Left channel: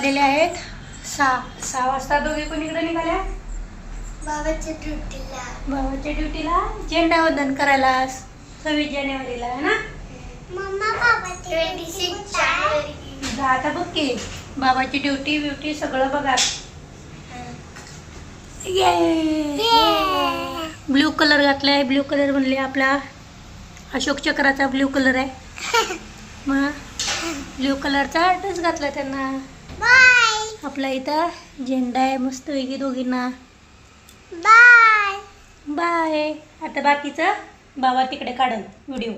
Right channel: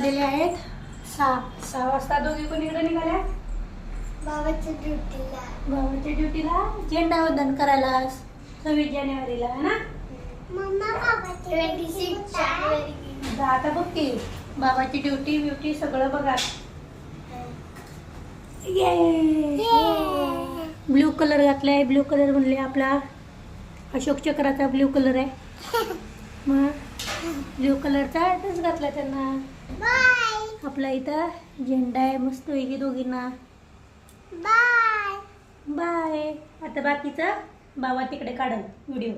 वाजलेले आहेत. सहा सहा वाजता दोघे कोणीकडे निघाल्या? बाबाच्या ड्युटीला. भावाच्या ड्युटीला? झेंडा वंदन करायला सव्वीस जानेवारीला है ना? आता बघ की बाबाची ड्युटी ब्युटी सगळं बघा. ब्ल्यू कलर घातलाय ब्ल्यू कलर म्हणले आपला. अशोक चक्राचा ब्ल्यू कलर आहे. मग? ब्ल्यू कलरचा ड्रेस घातला त्यांना. आपला इथं झेंडा आहे मस्त वेगळी दोघींना. बाय बाय आता बाकीचं बाबा तिकडे काढल व्हिडिओ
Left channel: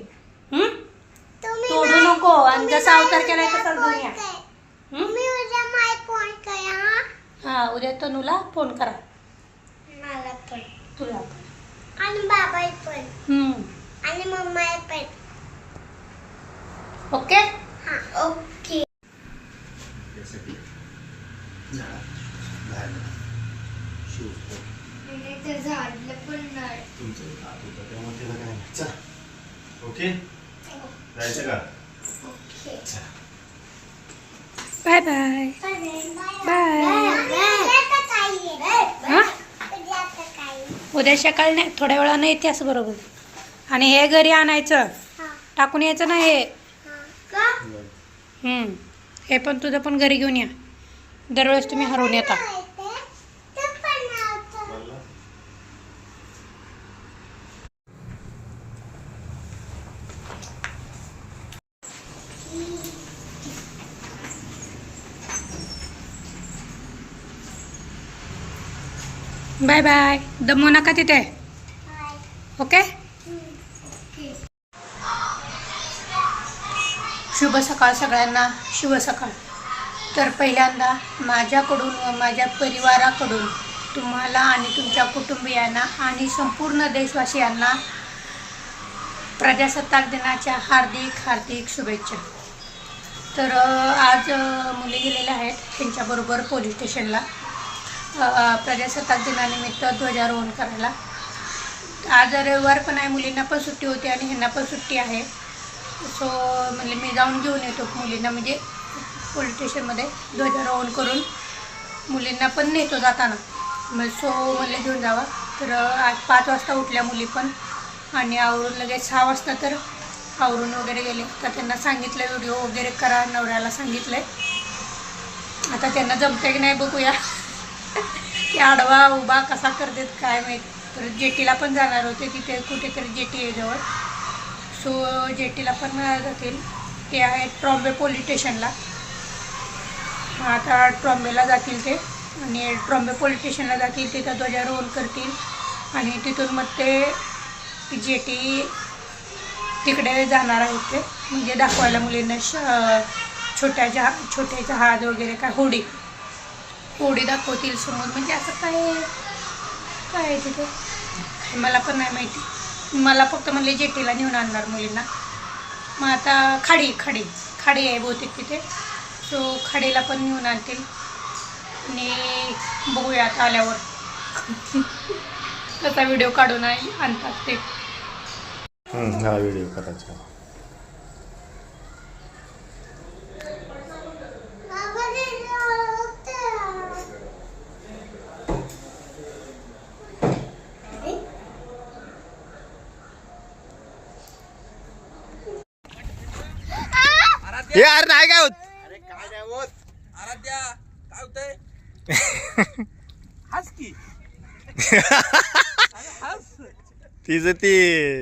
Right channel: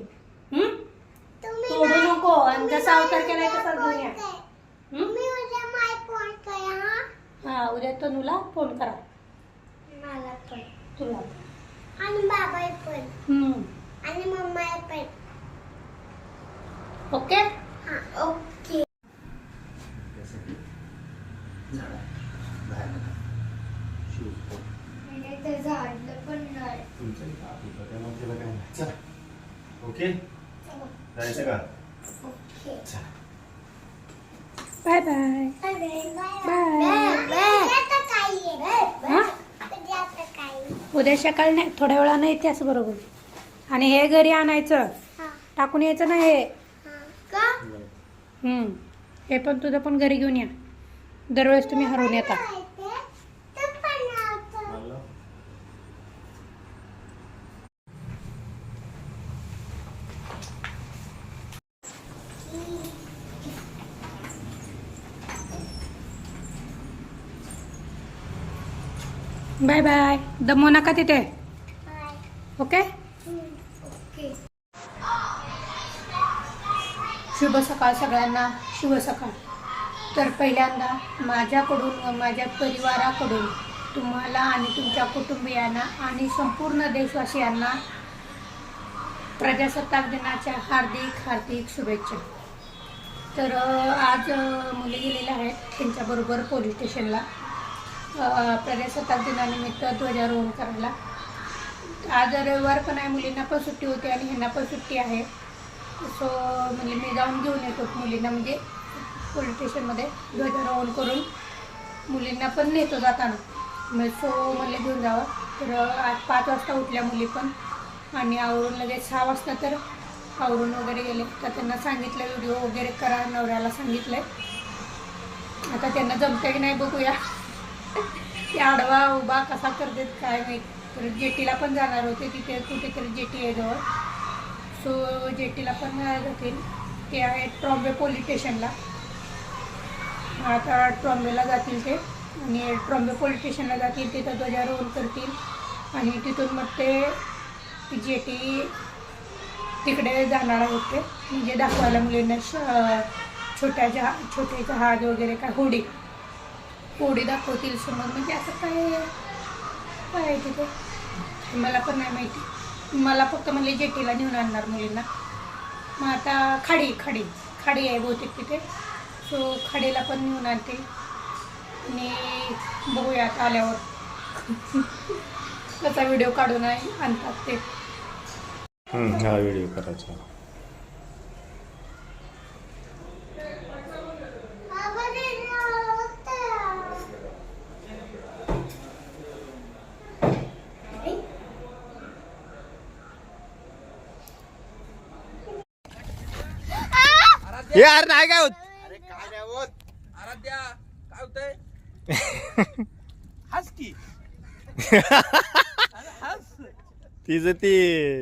तोडू नको आणि जसा अवतार उद्या तसा फोन घेऊया हा? उद्या तनुला फोन करा. मला पण. तुला. आणि बाबा पण. हम्म आणि मम्मा पण. ओके हा ओके त्यासाठी झाडा बाहेर शूज ते झाडलं पण नाही तुमचं एक हात होता त्यामुळे त्याला काय नाही चला ओके जायचं का ओके चला बाय बाय बाय हा उद्या सकाळी नाही थोड्या वेळानं येते असं बरोबर. आणि हे घरी आणायचं. टाकून यायचं नाही हे. हम्म. हे पण तुझं पण घरी घेऊन या. दररोज तुम्ही हरवून येता मला बाय बाय दमू नका तिथे ओके शुभ सकाळ सगळ्यांना. शुभ सकाळ. तर पहिल्यांदा माझ्याकडून व माझ्या परिवाराकडून तुम्हाला आणि तुमच्या कुटुंबियांना आणि संपूर्ण देशवासियांना प्रजासत्ताक दिनाच्या हार्दिक हार्दिक शुभेच्छा. तर आज मुली गेलेल्या आहेत त्यांच्याबरोबर पोलीस स्टेशनला. प्रजासत्ताक दिनानिमित्त ध्वजारोहण करायला. आज रविवार पण आहे मुलींना पण सुट्टी होती आणि ह्यांना पण सुट्टी आहे. सो म्हणजे मी जाऊन घेऊन येतो मुलींना म्हणजे पोलीस स्टेशनमध्ये ध्वजारोहण करून मुलींना पण नेतो जाताना. मग सो म्हणले घेऊन जावा. तर आज पाच वाजता उठल्या मुली पण. आणि आवरून लगेच सहा वाजता तर आवरून वगैरे गेले. तर त्यांना सांगितलं व्हिडिओ वगैरे करा नवऱ्याला सांगितलं आहे आता त्यांना जमतं की नाही बघूया. ते आडवा उभा कसा करतात काय माहीत. परत जेटीला पण जाणार होते तिथे कुठेतरी जेटी आहे जवळ. सो जेटीला पण जातील ते आहे ट्रॉम्बे पोलीस स्टेशनला. आता ट्रॉम्बेला जातील ते. आणि ट्रॉम्बे पोलीस स्टेशनला जातील तिथं ध्वजारोहण करतील. आणि तिथून मग ते जेटी तिकडे जाणार आहेत ते. म्हणजे दाखवायला मुलींना श छोट्या जहा छोटे जहाज वगैरे काय होडी. ओढी दाखवतील समोर. म्हणजे असं काय काय आहे तिथे? काय मला पण नाही माहिती. मला फक्त म्हणले जेटीला नेऊन आणणार मुलींना. मग आता खाडी खाडी. खाडी आहे बहुतेक तिथे. सो खाडीला पण नेऊन आणतील. आणि बघूया आता आल्यावर. कसा व्हिडिओ काढून आहे- आणतात ते. हा व्हिडिओ करायचा. हे अरे नाही काय होत? आराध्या काय होतंय? हस की. हस. तिचं ते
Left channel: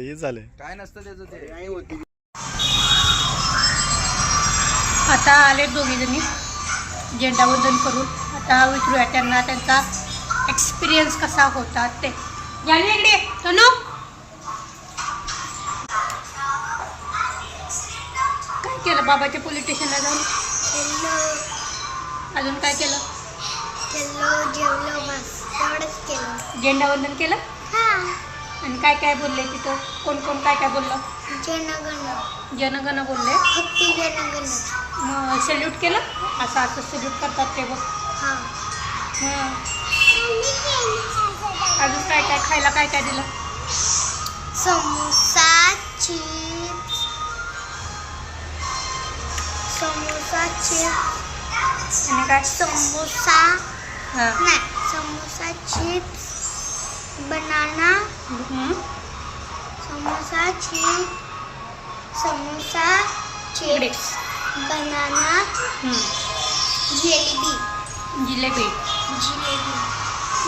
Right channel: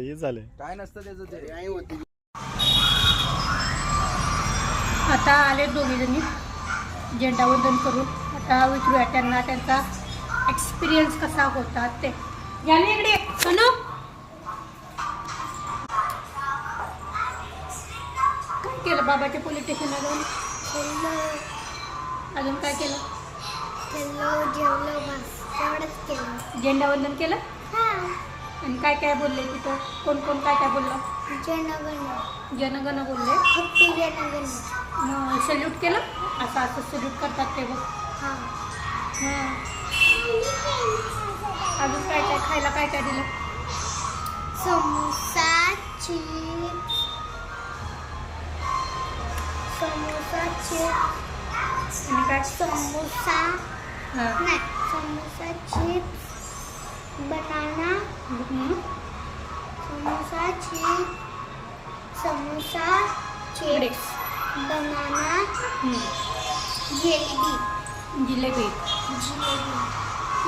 हे झालं काय नसतं त्याचं ते. नाही होती आता आले दोघी जणी. झेंडावंदन करून. आता विचारूया त्यांना त्यांचा एक्सपिरियन्स कसा होता ते. जाणू इकडे. सोनू! बाबाच्या पोलीस स्टेशनला जाऊन. अजून काय केलं? जेवलो बस केलं. झेंडावंदन केलं? हा. आणि काय काय बोलले तिथं? कोण कोण काय काय बोललं? जनगण. जनगण बोलले. फक्त जनगण. मग सल्यूट केलं? असं असं सल्यूट करतात ते बघ. हा. हं. अजून काय काय खायला काय काय दिलं? समोसा चिप्स समोसा चिप्स आणि काय? समोसा हां. नाही samosa chips banana. Samosa chips samosa chips banana. Jalebi. Jalebi. Jalebi.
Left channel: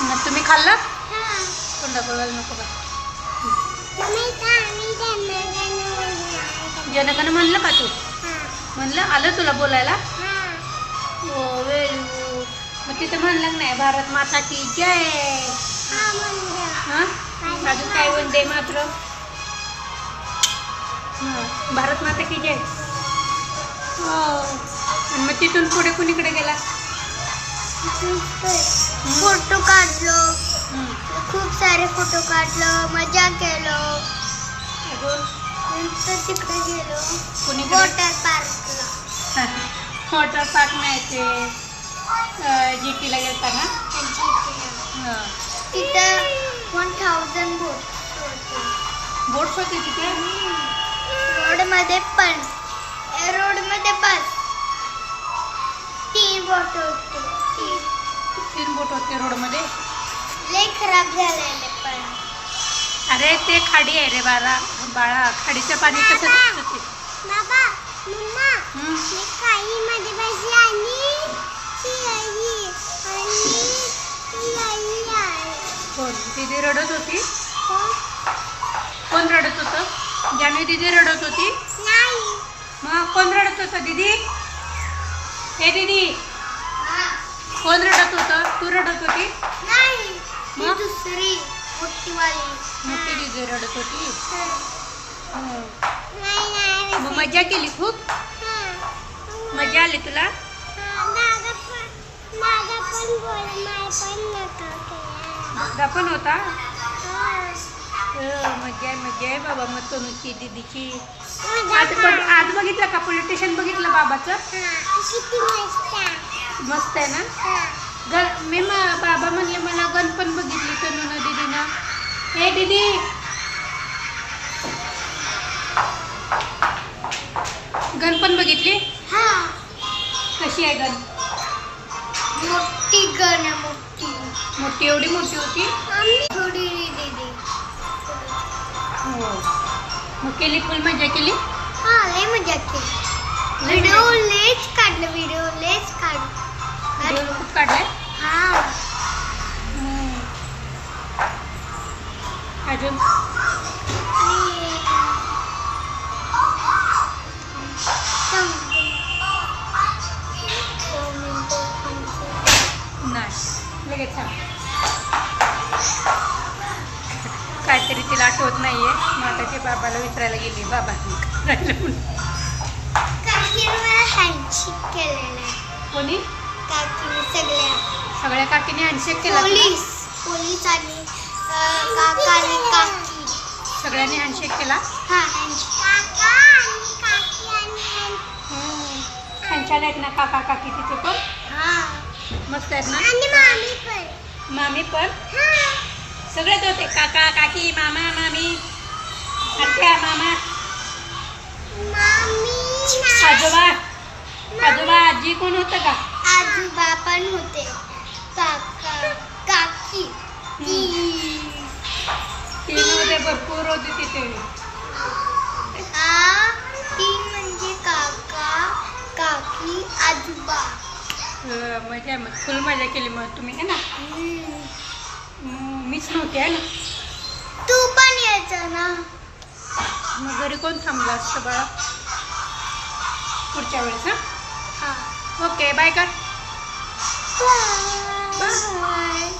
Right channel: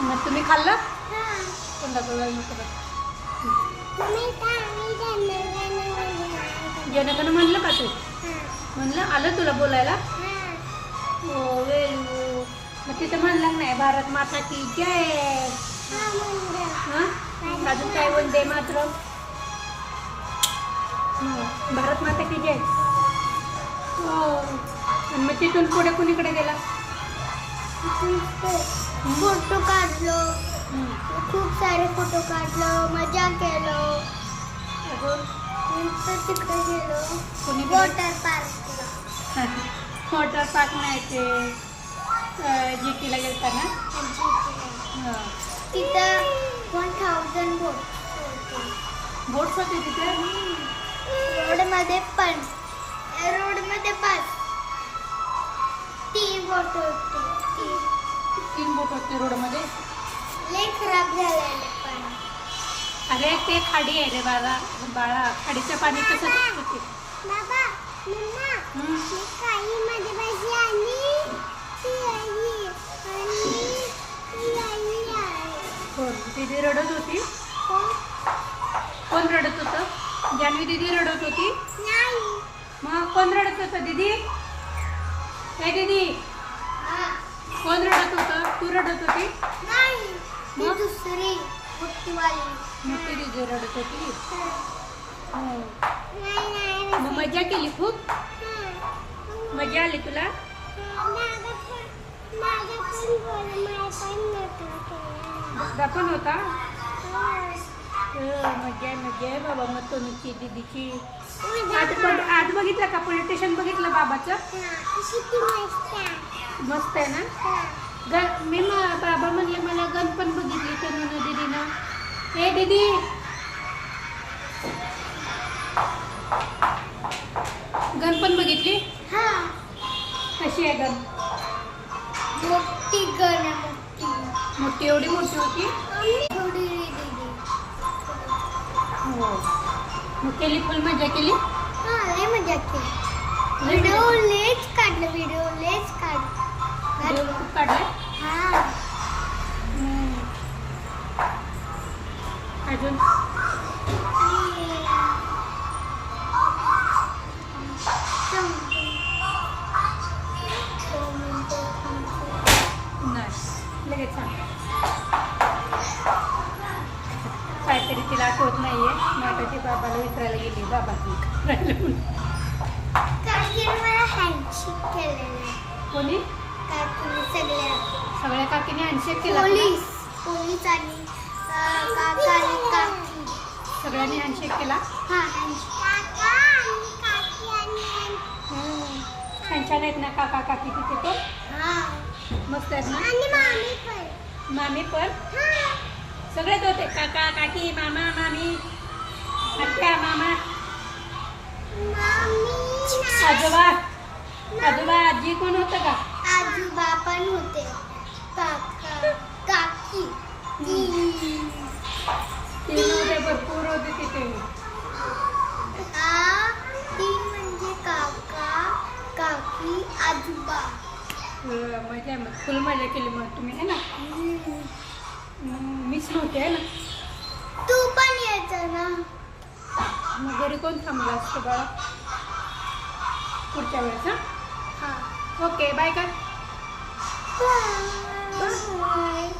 मग तुम्ही खाल्लं? हां. तोंडात बघायला नको का जनगण म्हणलं का तू? म्हणलं आलं तुला बोलायला? हां हो मग तिथं म्हणलं नाही भारत माता की जय. हां? हां अजून काय वंदे मात्र? भारत माता की जय. हो. आणि मग तिथून पुढे कुणीकडे गेला? फोटो काढलो. खूप सारे फोटो काढलो मजा केलो. अजून नंतर तिकडे गेलो. कुणीकडे वॉटर पार्कला. वॉटर पार्क नाही ते जी टीला गेलता ना हां. तिथं वन थाउजंड बोट बोट्स होते तिथे? रोडमध्ये पण. रोडमध्ये पण. तीन बोट होते. तीन. तीन बोट होते रोडमध्ये? लय खराब झालेले पण. अरे ते खाडी आहे रे बाळा. बाळा खाडीचं पाणी कसं बाबा मम्मा. मी काही मध्ये बसली आणि ती आई आणि ती आई आहे. कोण? दीदी रडत होती? कोण? रडत होतं? जानवी दीदी रडत होती? नाही. मग कोण रडत होतं दीदी? हे दीदी. कोण रडत होतं? तू रडत होती? नाही मग? दुसरी. मोठी दीदी रडत होती. मग मजा केली खूप. मजा आली तुला? पण पण पण. दादा पण होता? मजा आहे मजा आहे बाबा मग तनुची दीदीची. आज कर. आज बघितलं का? पोलीस स्टेशन बघितलं बाबाचं? मस्त आहे. ना? मी हे दीदी. गण पण बघितली? हा. कशी आहे गण? मोठी गण आहे, मोठी. मोठी एवढी मोठी होती? आम्ही थोडी दीदी. हो. मग केली फुल मजा केली? हा लय मजा केली. व्हिडिओ लेच काढलं व्हिडिओ लेच काढ खूप काढलाय? हा. अजून. नाही लगेच सांग. काहीतरी तिला आठवत नाहीये. मग आता ती बाबाला विचारायला गेली बाबा कोणी? काकीने सगळ्या. सगळ्या काकीने हँडशेक केला? पोलीस. पोलीस आणि काका आणि काकी सगळ्यांनी हँडशेक केला? हा छान छान आहेत ना काका काकी तिथे पण? हा. मस्त आहेत ना? मामी पण. मामी पण? हा. सगळेच होते काका काकी मामा मामी आत्या मामा. मामी आजोबा आजोबा आजी कोण होतं का? आजोबा पण होते. होते तिथे हा ती म्हणजे काका काकी आजोबा. अं, मजा मग फुल मजा केली मग तुम्ही है ना? मीच नव्हते आहे ना? तू पण यायचं ना? मग घरी कोण थांबलं असतं बाळा? पुढच्या वेळेस हां? हा. ओके बाय कर. बाय.